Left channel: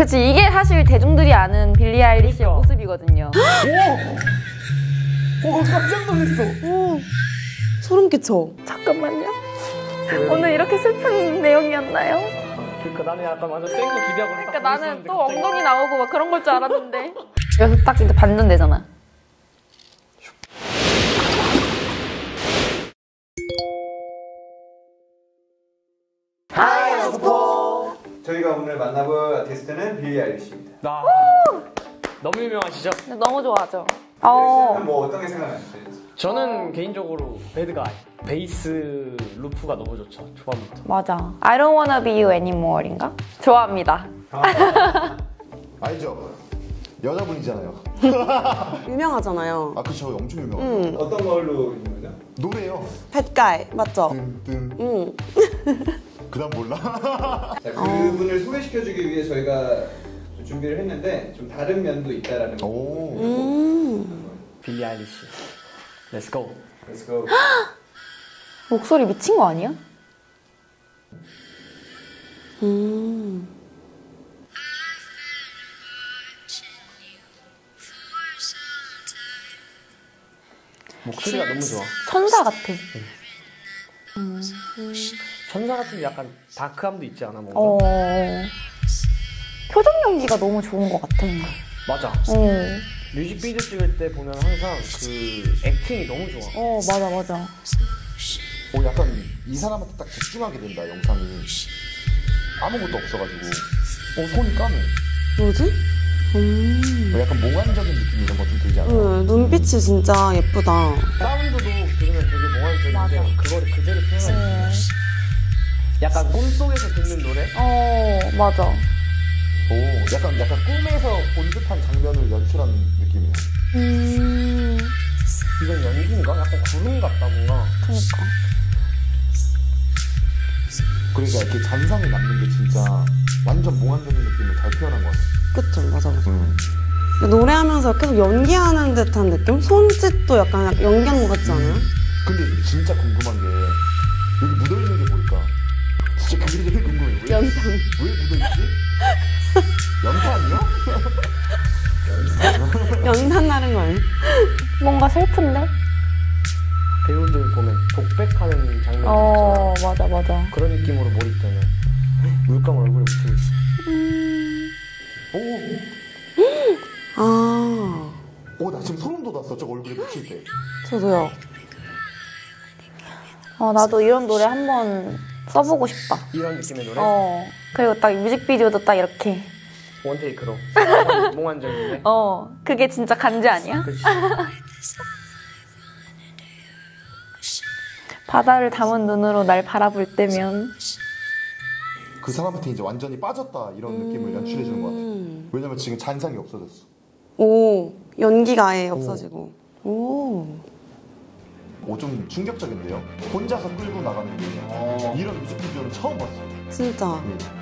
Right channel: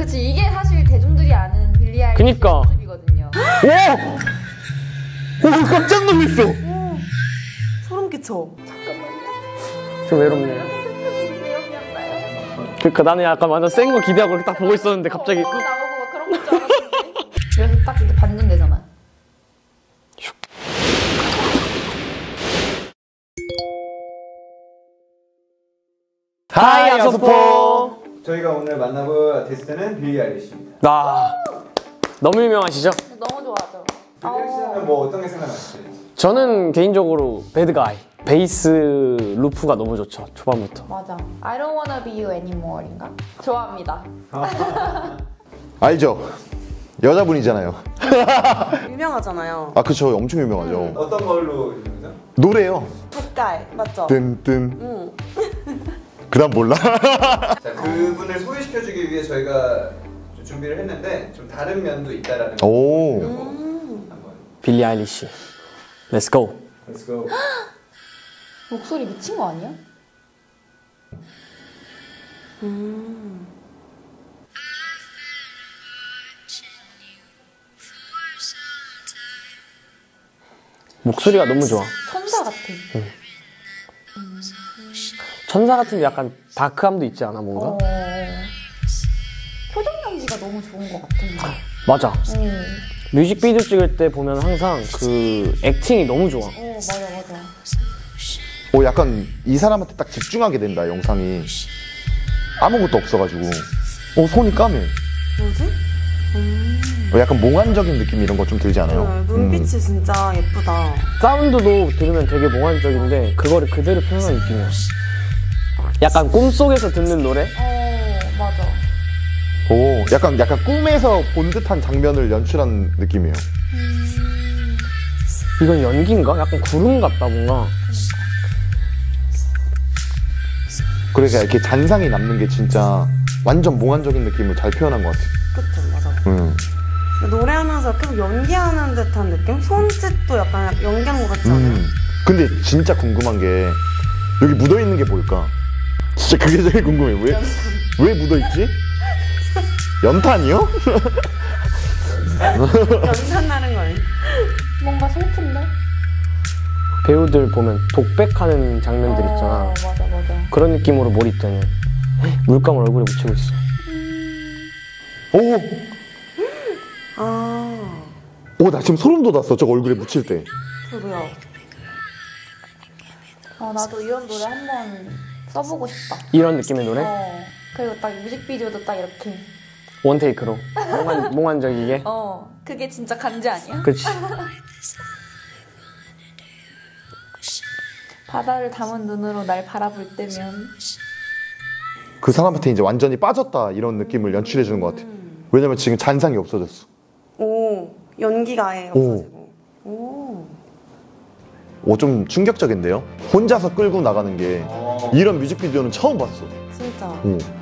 그치, 이게 사실 대중들이 아는 빌리 아일리시의 그니까. 모습이거든요. 와! 깜짝 놀랐어. 소름 끼쳐. 잠깐만요. 오늘 이렇게 슬픈 내용이었나요? 그러니까 나는 약간 완전 센 거 기대하고 딱 보고 있었는데 갑자기 엉덩이 나오고 막 그런 걸 줄 알았는데. 그래서 딱 진짜 반전되잖아. 하이 아서포. 저희가 오늘 만나볼 아티스트는 빌리 아일리시입니다. 너무 유명하시죠? 근데 너무 좋아하죠. 아일리시는 뭐 어떤 게 생각나시죠? 저는 개인적으로 배드가이 베이스 루프가 너무 좋죠. 초반부터. 맞아. I don't wanna be you anymore.인가? 좋아합니다. 알죠? 여자분이잖아요. 유명하잖아요. 아 그쵸, 엄청 유명하죠. 어떤 걸로 유명하죠? 노래요. 뱃가이 맞죠? 뜸뜸. 그다음 몰라. 자, 그분을 소개시켜주기 위해 저희가 좀 준비를 했는데 좀 다른 면도 있다라는 거. 오. 한번. 빌리 아일리시. Let's go. Let's go. 목소리 미친 거 아니야? 목소리가 너무 좋아. 천사 같아. 천사 같은데 약간 다크함도 있지 않아 뭔가? 표정 연기가 너무 좋은 것 같아. 맞아. 뮤직비디오 찍을 때 보면 항상 그 액팅이 너무 좋아. 맞아. 오, 약간 이 사람한테 딱 집중하게 된다, 영상이. 아무것도 없어가지고. 손이 까매. 뭐지? 약간 몽환적인 느낌 이런 거 좀 들지 않아요? 눈빛이 진짜 예쁘다. 사운드도 들으면 되게 몽환적인데 그거를 그대로 표현한 느낌이야. 약간 꿈속에서 듣는 노래? 맞아. 오, 약간 꿈에서 본 듯한 장면을 연출한 느낌이에요. 이건 연기인가? 약간 구름 같다 뭔가. 그러니까 이렇게 잔상이 남는 게 진짜 완전 몽환적인 느낌을 잘 표현한 것 같아. 그쵸, 맞아. 노래하면서 계속 연기하는 듯한 느낌? 손짓도 약간 연기하는 것 같지 않아요? 근데 진짜 궁금한 게 여기 묻어있는 게 뭘까? 진짜 그게 제일 궁금해. 왜 묻어있지? 연탄이요? 연탄 나는 거 아니야? 뭔가 슬픈데? 배우들 보면 독백하는 장면들 있잖아. 맞아. 그런 느낌으로 몰입되는. 물감을 얼굴에 묻히고 있어. 오, 나 지금 소름 돋았어. 저거 얼굴에 묻힐 때. 저도요. 나도 이런 노래 한번 써보고 싶다. 이런 느낌의 노래? 그리고 딱 뮤직비디오도 딱 이렇게. 원테이크로. 몽환적이게. 그게 진짜 간지 아니야? 그치. 바다를 담은 눈으로 날 바라볼 때면 그 사람한테 이제 완전히 빠졌다 이런 느낌을 연출해주는 것 같아. 왜냐면 지금 잔상이 없어졌어. 오, 연기가 아예 없어지고. 오. 좀 충격적인데요? 혼자서 끌고 나가는 게 이런 뮤직비디오는 처음 봤어. 진짜.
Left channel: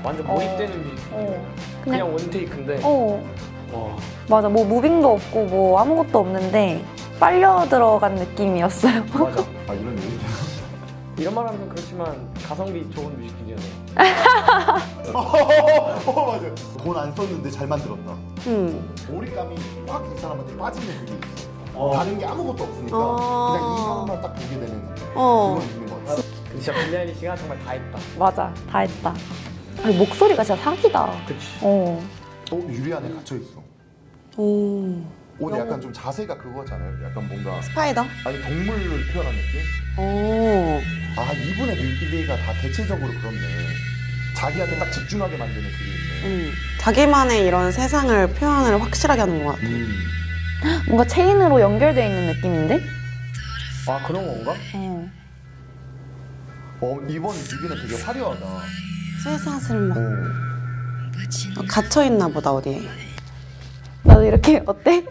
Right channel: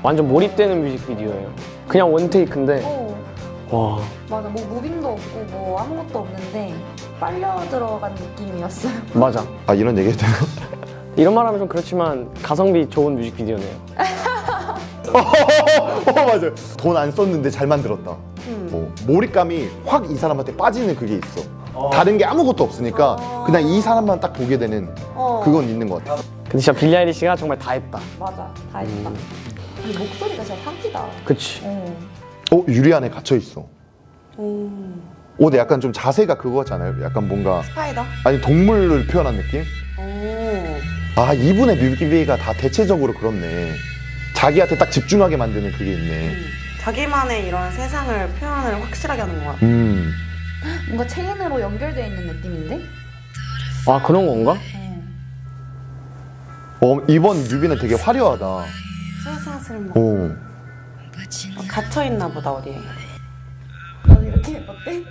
완전 몰입되는 뮤직비디오예요. 그냥 원테이크인데. 와. 맞아. 뭐 무빙도 없고 뭐 아무것도 없는데 빨려 들어간 느낌이었어요. 맞아. 아, 이런 얘기 해도 되나? 이런 말 하면 좀 그렇지만 가성비 좋은 뮤직비디오네. 맞아. 돈 안 썼는데 잘 만들었다. 몰입감이 확 이 사람한테 빠지는 그게 있어. 다른 게 아무것도 없으니까 그냥 이 사람만 딱 보게 되는 그건 있는 것 같아. 근데 진짜 빌리 아일리시가 정말 다 했다. 맞아. 다 했다. 아니, 목소리가 진짜 사기다. 그치. 유리 안에 갇혀 있어. 근데 약간 좀 자세가 그거 같지 않아요? 약간 뭔가 스파이더? 아니 동물을 표현한 느낌? 아, 이분의 뮤직비디오가 다 대체적으로 그렇네. 자기한테 딱 집중하게 만드는 그게 있네. 자기만의 이런 세상을 표현을 확실하게 하는 것 같아. 뭔가 체인으로 연결되어 있는 느낌인데? 아, 그런 건가? 이번 뮤비는 되게 화려하다. 슬슬 갇혀있나 보다, 어디에. 나도 이렇게 어때?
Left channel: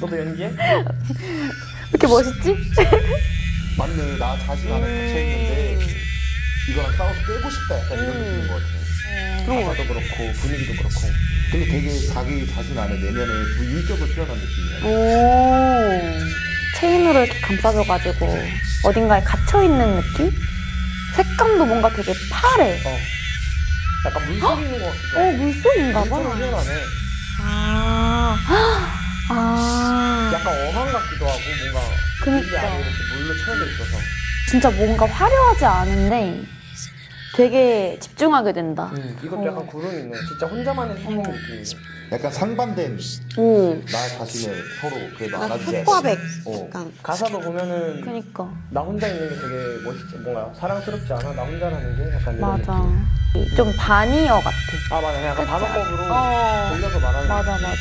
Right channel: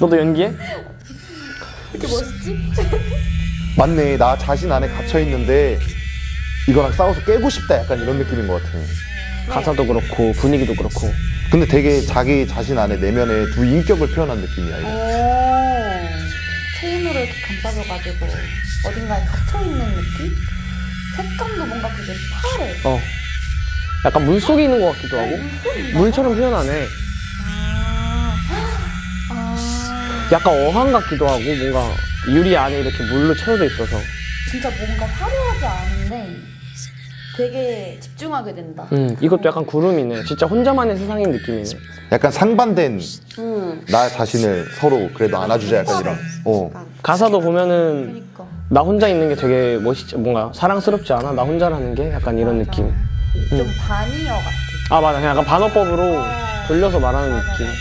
너도 연기해? 이렇게 멋있지? 맞네. 나 자신 안에 갇혀 있는데 이거랑 싸워서 깨고 싶다. 약간 이런 느낌인 것 같아. 가사도 그렇고 분위기도 그렇고. 근데 되게 자기 자신 안에 내면에 두 인격을 표현한 느낌이야. 체인으로 이렇게 감싸줘가지고 어딘가에 갇혀있는 느낌? 색감도 뭔가 되게 파래. 약간 물속에 있는 것 같기도 하고. 물처럼 표현하네. 약간 어항 같기도 하고 뭔가 유리 안에 이렇게 물로 채워져 있어서. 진짜 뭔가 화려하지 않은데 되게 집중하게 된다. 이것도 약간 구름이네. 진짜 혼자만의 세상인 느낌이네. 약간 상반된 나 자신을 서로 그래도 안아주자 약간. 가사도 보면은 그러니까. 나 혼자 있는 게 되게 멋있지, 뭔가 사랑스럽지 않아? 나 혼자라는 게 약간 이런 맞아. 느낌. 좀 반이어 같아. 아 맞아, 그냥 약간 반어법으로 돌려서 말하는 맞아, 느낌. 맞아.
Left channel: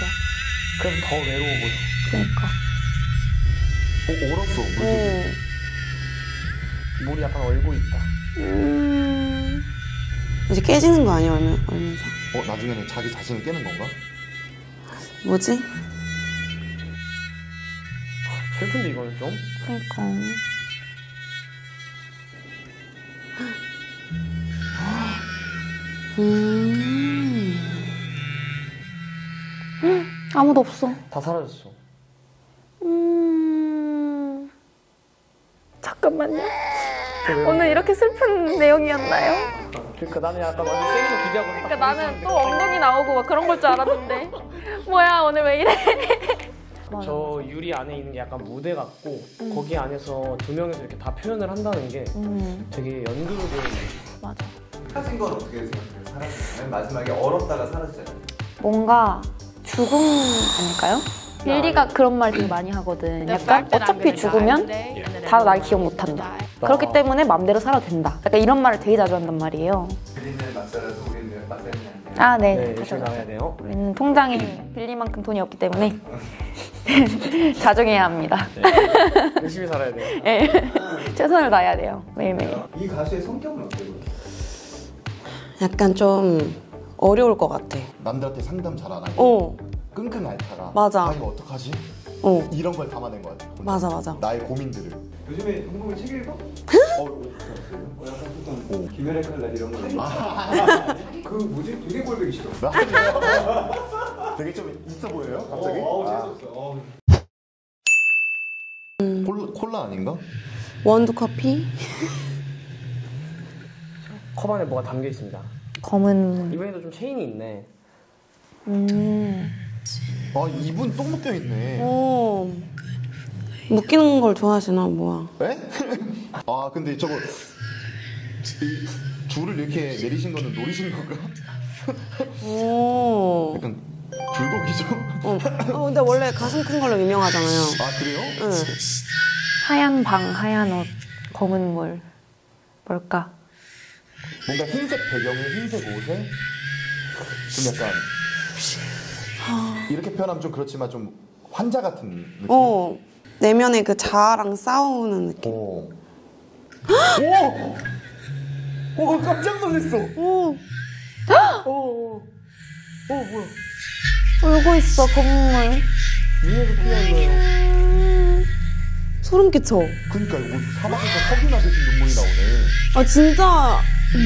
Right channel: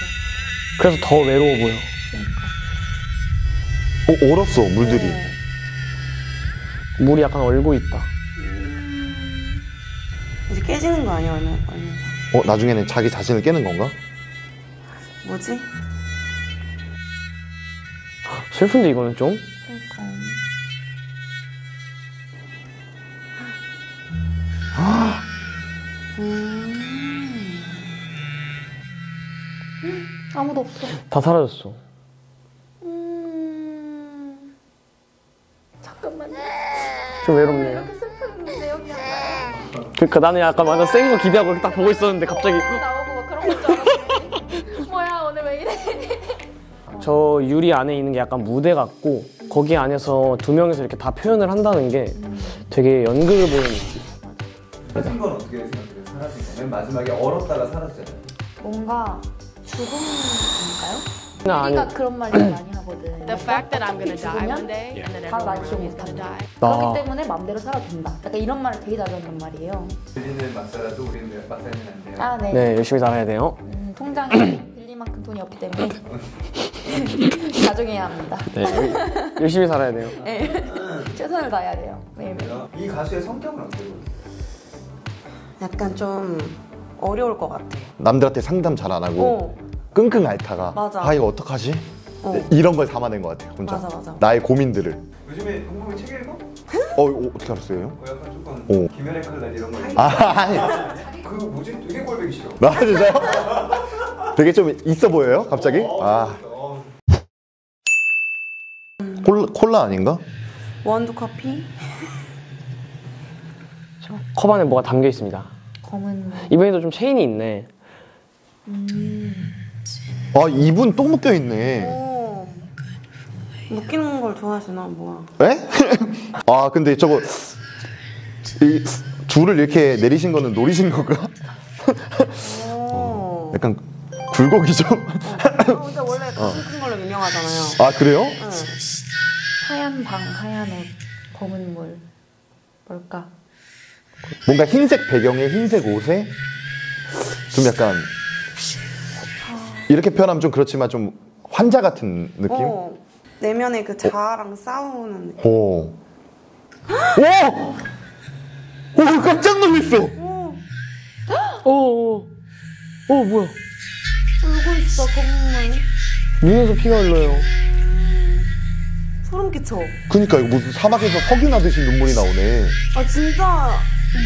그래서 더 외로워 보여. 그러니까. 얼었어 물들이. 물이 약간 얼고 있다. 이제 깨지는 거 아니야, 얼면서? 나중에는 자기 자신을 깨는 건가? 뭐지? 슬픈데 이거는 좀? 그러니까. 아무도 없어. 다 사라졌어. 잠깐만요. 좀 외롭네. 오늘 이렇게 슬픈 내용이었나요? 그러니까 나는 약간 완전 센 거 기대하고 이렇게 딱 보고 있었는데 갑자기 이 나오고 막 그런 걸 줄 알았는데 뭐야 오늘 왜 이래? 저 유리 안에 있는 게 약간 무대 같고 거기 안에서 두 명이서 이렇게 다 표현을 한다는 게 되게 연극을 보는 느낌. 사라진 건 어떻게 생각해요? 사라진 거. 맨 마지막에 얼었다가 사라지잖아요. 뭔가 죽음일까요? 유리가 그런 말 되게 많이 하거든. 약간 어차피 죽으면 다 날 기억 못한다. 그렇기 때문에 맘대로 살아도 된다. 약간 이런 말을 되게 자주 한단 말이에요. 빌리는 막 살아도 우리는 막 살면 안 돼요. 아, 네. 네, 열심히 살아야 돼요. 통장에 빌릴 만큼 돈이 없기 때문에 가정해야 합니다. 네, 열심히 살아야 돼요. 네. 최선을 다해야 돼요. 매일매일. 이 가수의 성격은 어때요? 약간 좀 어려울 것 같아. 남들한테 상담 잘 안 하고 끙끙 앓다가 맞아. 이거 어떡하지? 이런 걸 담아낸 것 같아요. 혼자. 맞아. 나의 고민들을. 요즘에 홍보이 책 읽어? 어떻게 알았어요? 약간 조금 김연의 칼날 이런 거. 그 뭐지? 되게 꼴보기 싫어. 나 진짜요? 되게 좀 있어 보여요? 갑자기? 콜라 아닌가? 원두 커피? 컵 안에 뭐가 담겨 있습니다. 검은. 이번에도 좀 체인이 있네. 입은 똥 묶여 있네. 묶이는 걸 좋아하시나 뭐야? 에? 근데 저거 이 줄을 이렇게 내리신 거는 노리신 건가? 약간 굴곡이죠? 근데 원래 가슴 큰 걸로 유명하잖아요. 아 그래요? 응. 하얀 방, 하얀 옷, 검은 물. 뭘까? 뭔가 흰색 배경에 흰색 옷에 좀 약간 이렇게 표현하면 좀 그렇지만 좀 환자 같은 느낌? 내면의 그 자아랑 싸우는 느낌. 깜짝 놀랐어. 뭐야? 울고 있어, 검은 물. 눈에서 피가 흘러요. 소름 끼쳐. 그러니까 이거 무슨 사막에서 석유 나듯이 눈물이 나오네. 아 진짜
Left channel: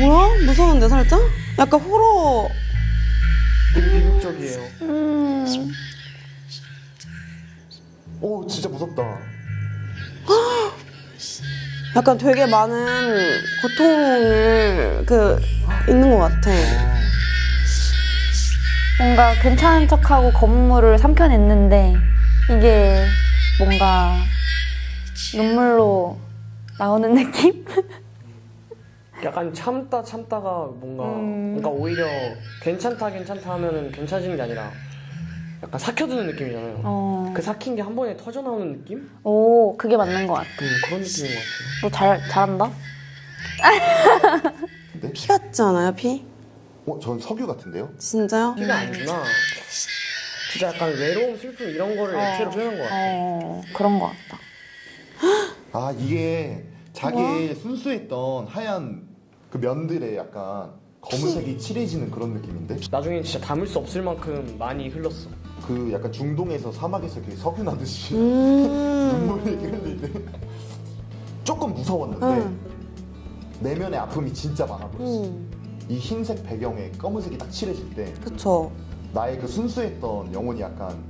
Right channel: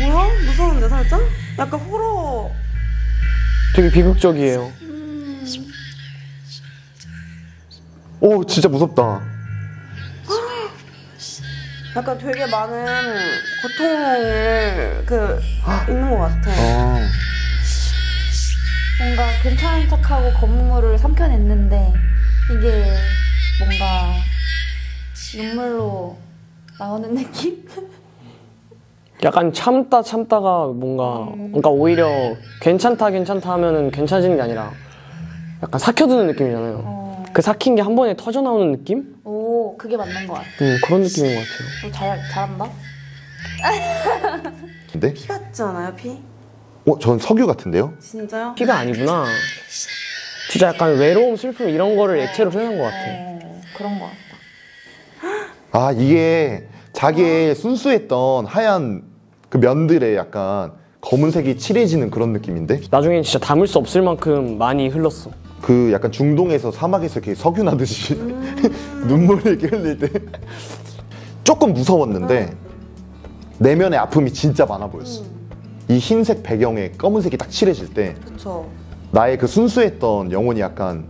뭐야? 무서운데 살짝? 약간 호러. 되게 비극적이에요. 진짜 무섭다. 약간 되게 많은 고통을 있는 것 같아. 뭔가 괜찮은 척하고 검은 물을 삼켜냈는데 이게 뭔가 눈물로 나오는 느낌? 약간 참다가 뭔가 그러니까 오히려 괜찮다 하면은 괜찮아지는 게 아니라 약간 삭혀드는 느낌이잖아요. 그 삭힌 게 한 번에 터져 나오는 느낌? 오, 그게 맞는 것 같아. 그런 느낌인 것 같아요. 너 잘한다? 근데? 피 같지 않아요, 피? 전 석유 같은데요? 진짜요? 피가 아니구나. 진짜 약간 외로움, 슬픔 이런 거를 액체로 표현한 것 같아. 그런 것 같다. 이게 자기의 순수했던 하얀 그 면들에 약간 검은색이 칠해지는 그런 느낌인데? 나중엔 진짜 담을 수 없을 만큼 많이 흘렀어. 그 약간 중동에서 사막에서 이렇게 석유 나듯이 눈물을 이렇게 흘릴 때 조금 무서웠는데 내면의 아픔이 진짜 많아 보였어. 이 흰색 배경에 검은색이 딱 칠해질 때 그쵸. 나의 그 순수했던 영혼이 약간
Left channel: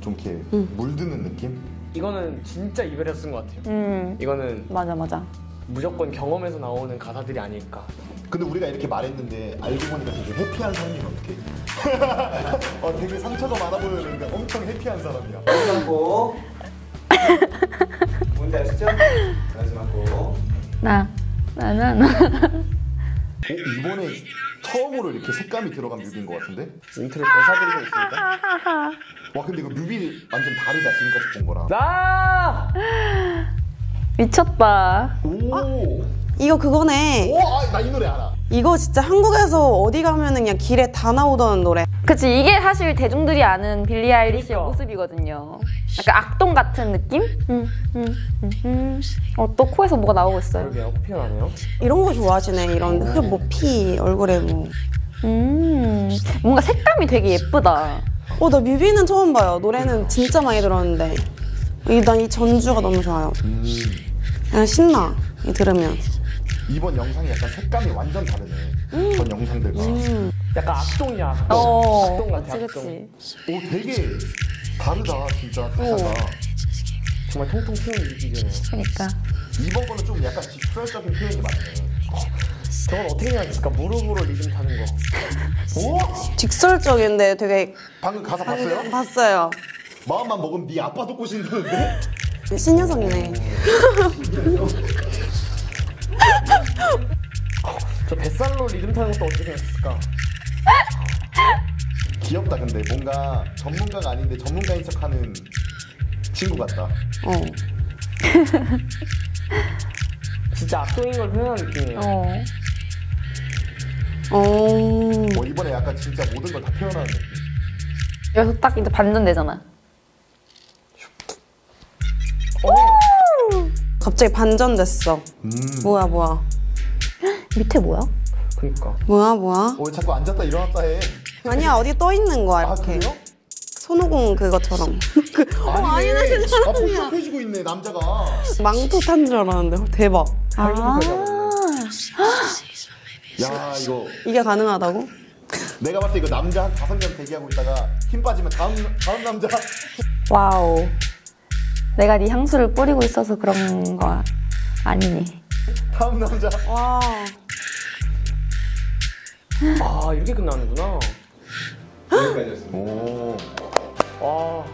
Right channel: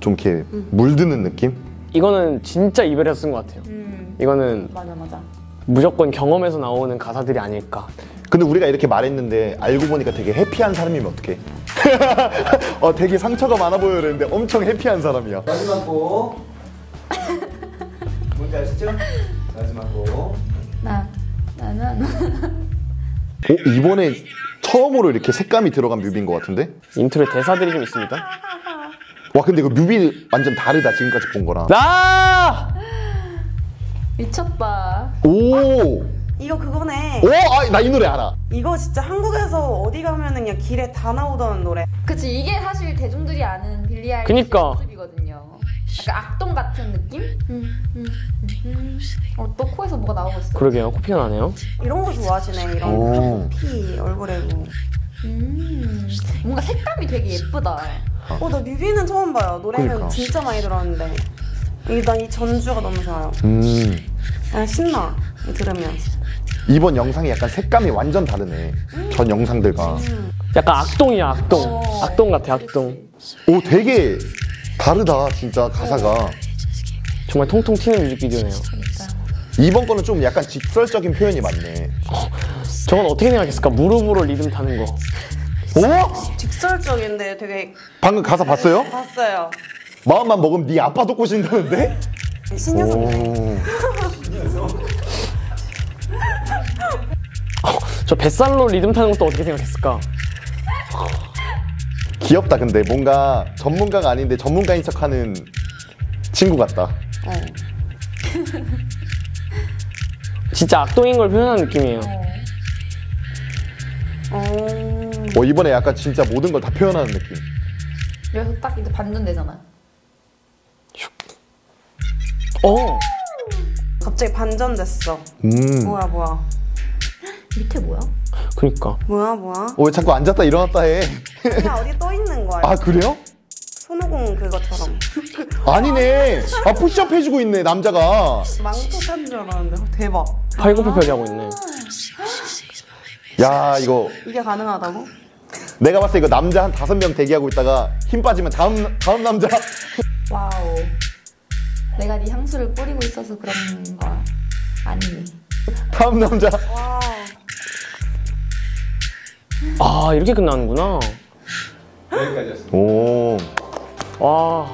좀 이렇게 물드는 느낌? 이거는 진짜 이별에서 쓴 것 같아요. 이거는 맞아. 무조건 경험에서 나오는 가사들이 아닐까. 근데 우리가 이렇게 말했는데 알고 보니까 되게 해피한 사람이면 어떡해? 되게 상처가 많아 보였는데 엄청 해피한 사람이야. 마지막 곡. 뭔지 아시죠? 마지막 곡. 나. 이번에 처음으로 이렇게 색감이 들어간 뮤비인 것 같은데? 인트로 대사들이 좀 있습니다. 와 근데 이거 뮤비 완전 다르다 지금까지 본 거랑. 나! 미쳤다. 오! 이거 그거네. 오! 나 이 노래 알아. 이거 진짜 한국에서 어디 가면은 그냥 길에 다 나오던 노래. 그치, 이게 사실 대중들이 아는 빌리 아일리시의 그니까. 모습이거든요. 약간 악동 같은 느낌? 또 코에서 뭐가 나오고 있어요. 그러게요. 코피가 나네요. 이런 거 좋아하시네. 이런 뭐 피 얼굴에 뭐. 뭔가 색감이 되게 예쁘다. 나 뮤비는 처음 봐요. 노래는 그러니까. 진짜 많이 들었는데. 난 이 전주가 너무 좋아요. 그냥 신나. 이 들으면. 이번 영상이 약간 색감이 완전 다르네. 전 영상들과. 약간 악동이야, 악동. 어, 악동 같아, 그치, 악동. 그치. 오 되게 다르다 진짜 가사가. 정말 통통 튀는 뮤직비디오네요. 그러니까. 이번 거는 좀 약간 직설적인 표현이 많네. 저건 어떻게 생각했을까? 무릎으로 리듬 타는 거. 오? 직설적인데 되게 방금 가사 봤어요? 봤어요. 마음만 먹으면 네 아빠도 꼬신다는데? 신여성이네. 저 뱃살로 리듬 타는 것도 어떻게 생각했을까? 귀엽다 근데 뭔가 전문가가 아닌데 전문가인 척하는 친구 같다. 진짜 악동인 걸 표현하는 느낌이에요. 이번에 약간 진짜 모든 걸 다 표현하는 느낌. 여기서 딱 이제 반전되잖아. 갑자기 반전됐어. 뭐야. 밑에 뭐야? 그니까. 뭐야. 왜 자꾸 앉았다 일어났다 해? 아니야, 어디 떠 있는 거야. 아 그래요? 손오공 그거처럼. 아니네. 푸시업 해주고 있네 남자가. 망토 탄 줄 알았는데. 대박. 팔굽혀펴기 하고 있네. 야 이거 이게 가능하다고? 내가 봤을 때 이거 남자 한 5명 대기하고 있다가 힘 빠지면 다음 남자. 와우. 내가 네 향수를 뿌리고 있어서 그런 거 아니니. 다음 남자. 와. 아, 이렇게 끝나는구나. 여기까지였습니다. 오. 와,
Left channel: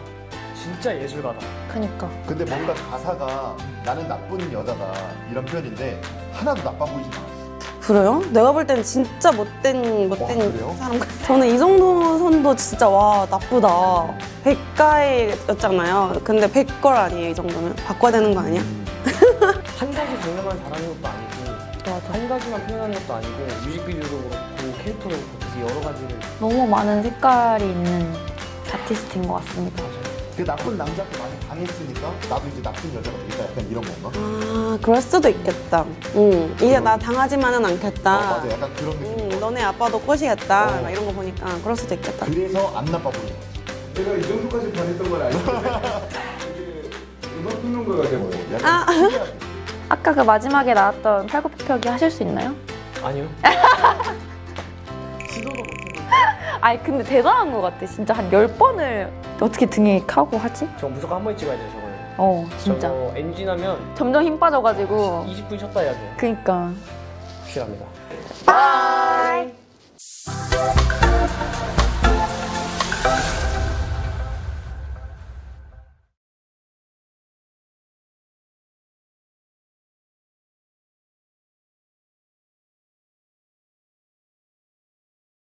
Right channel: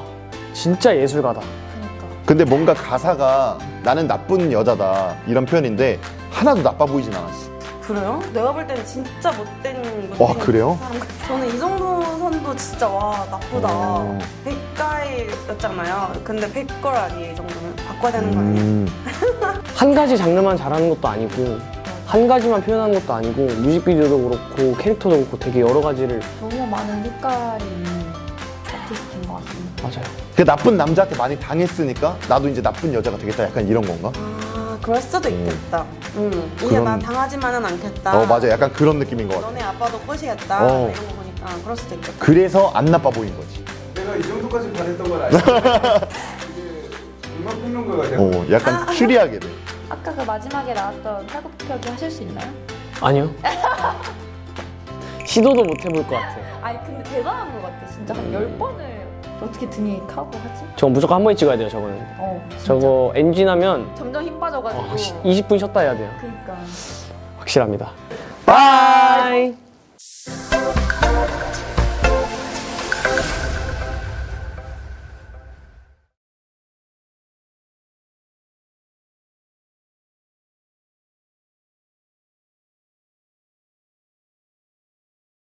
진짜 예술가다. 그러니까. 근데 뭔가 가사가 나는 나쁜 여자다 이런 표현인데 하나도 나빠 보이진 않았어. 그래요? 내가 볼 때는 진짜 못된 와, 그래요? 사람. 저는 이 정도 선도 진짜 와 나쁘다. 백가이였잖아요. 근데 백걸 아니에요 이 정도면. 바꿔야 되는 거 아니야? 한 가지 장르만 잘하는 것도 아니고 한 가지만 표현하는 것도 아니고 뮤직비디오도 그렇고 캐릭터도 그렇고 되게 여러 가지를. 너무 많은 색깔이 있는 아티스트인 것 같습니다. 맞아요. 그 나쁜 남자한테 많이 당했으니까 나도 이제 나쁜 여자가 되겠다 약간 이런 건가? 아 그럴 수도 있겠다. 이제 나 당하지만은 않겠다. 맞아 약간 그런 느낌인 것 같아. 너네 아빠도 꼬시겠다. 막 이런 거 보니까 그럴 수도 있겠다. 그래서 안 나빠 보이는 거지. 내가 이 정도까지 변했던 걸 알고 이제 음악 평론가가 되고 약간 추리하게 돼. 아까 그 마지막에 나왔던 팔굽혀펴기 하실 수 있나요? 아니요. 시도도 못 해볼 것 같아요. 아니 근데 대단한 것 같아. 진짜 한 10번을 어떻게 등에 카고 하지? 저거 무조건 한 번에 찍어야 돼요, 저거는. 진짜. 저거 엔진 하면 점점 힘 빠져가지고. 20분 쉬었다 해야 돼요. 그니까. 확실합니다. 바이!